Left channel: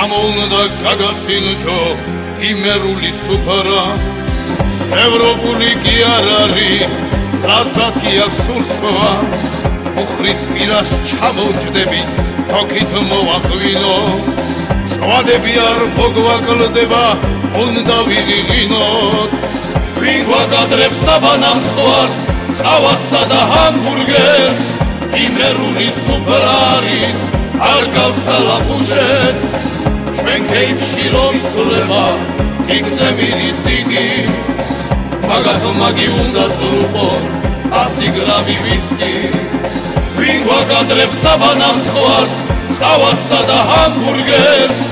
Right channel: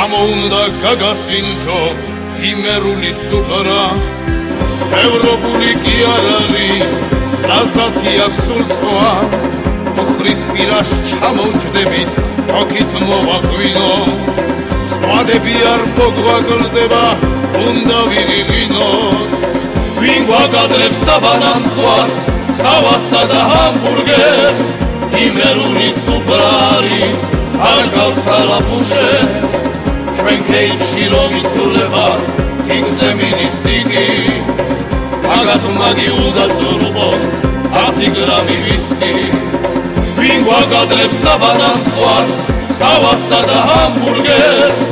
ამოუნდა გაგასინჯო იმერული სუფრა ევროპული კი არ არის ლაზათი აქვს სულ სხვა უხრის პირას ჩამოვჯდებით თოქით მოვაღვინო სხვადები არ მოგვაკლდება უნდა ვიღიღინოთ ვინ გვაგადრებს საბანანძღვარს ხავასა და ჰამბურგერს იმერული სუფრა არის არ გავს ალაფუშებს ჩვენ ქეიფში რო ვიცულება ტიგზე მიდის ტიგი მაგათ მაგი უნდა წურყონ 100 გრამი ვისკი ვინ გვაგადრებს საბანანძღვარს ხავასა და ჰამბურგერს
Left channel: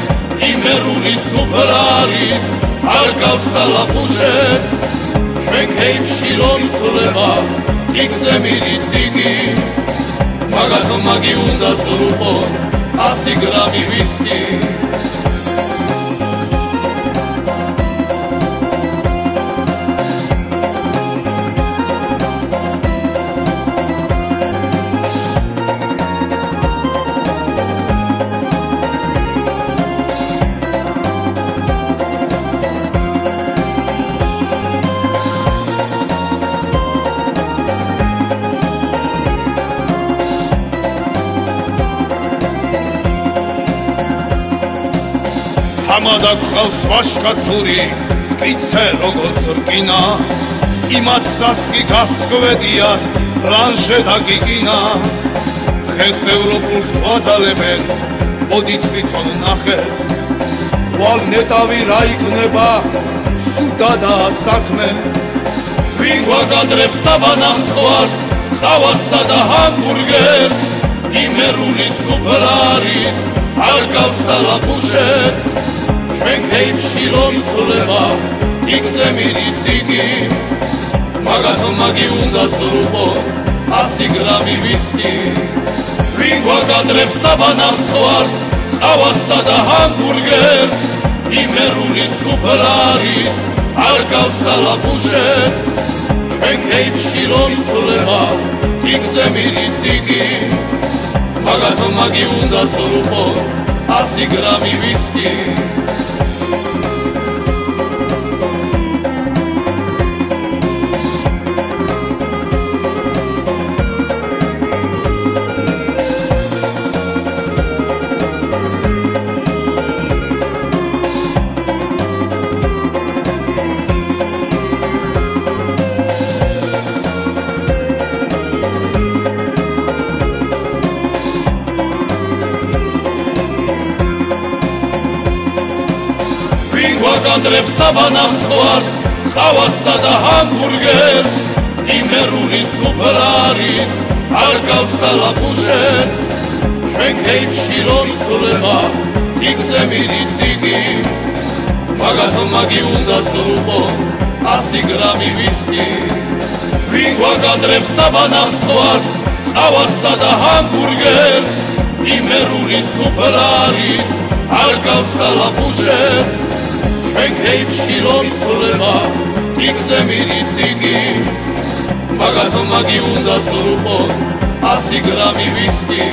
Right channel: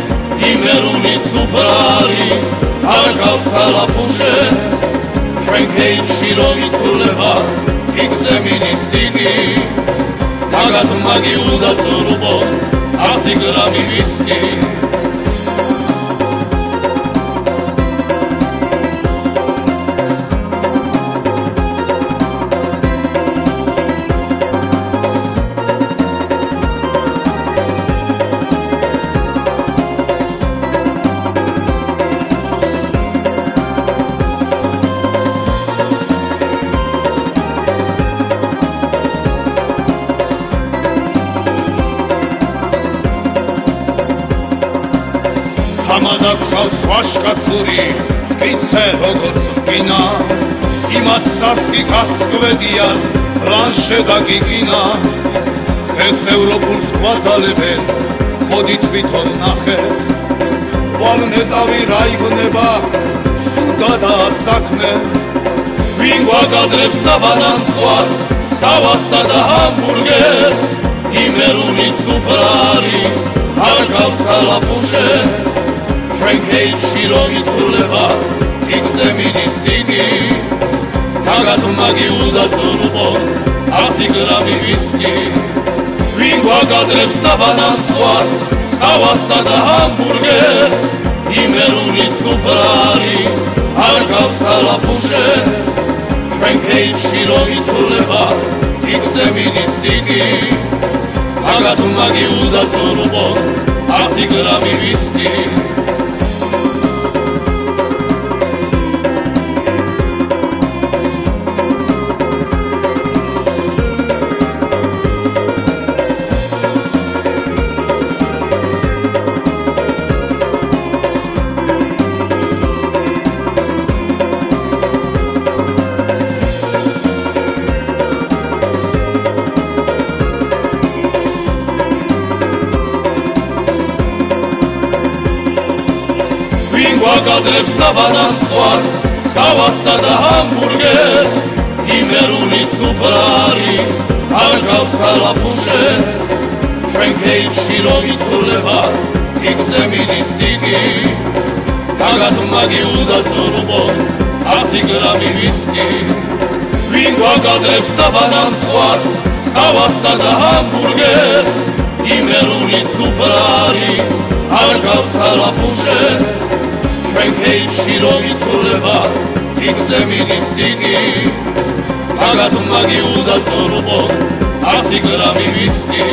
იმერული სუფრა არის არ გავს ალაფუშებს ჩვენ ქეიფში რო ვიცულება ტიგზე მიდის ტიგი მაგათ მაგი უნდა წურყონ 100 გრამი ვისკი ამადა გხავს ვაშკაცური ტკიცე როგორც რკინა იმათ სასკი გასგვედიათ ბლანშე და გიგინა ხეს ევროპულს გვაძალებენ მოდი თვითონ ნახეთ ხვალ ნეტავი რა იგნება სუდადაა საქმე ვინ გვაგადრებს საბანანძღვარს ხავასა და ჰამბურგერს იმერული სუფრა არის არ გავს ალაფუშებს ჩვენ ქეიფში რო ვიცულება ტიგზე მიდის ტიგი მაგათ მაგი უნდა წურყონ 100 გრამი ვისკი ვინ გვაგადრებს საბანანძღვარს ხავასა და ჰამბურგერს იმერული სუფრა არის არ გავს ალაფუშებს ჩვენ ქეიფში რო ვიცულება ტიგზე მიდის ტიგი მაგათ მაგი უნდა წურყონ 100 გრამი ვისკი გვაგადრებს საბანანძღვარს ხავასა და ჰამბურგერს იმერული სუფრა არის არ გავს ალაფუშებს ჩვენ ქეიფში რო ვიცულება ტიგზე მიდის ტიგი მაგათ მაგი უნდა წურყონ 100 გრამი ვისკი ვინ გვაგადრებს საბანანძღვარს ხავასა და ჰამბურგერს იმერული სუფრა არის არ გავს ალაფუშებს ჩვენ ქეიფში რო ვიცულება ტიგზე მიდის ტიგი მაგათ მაგი უნდა წურყონ 100 გრამი ვისკი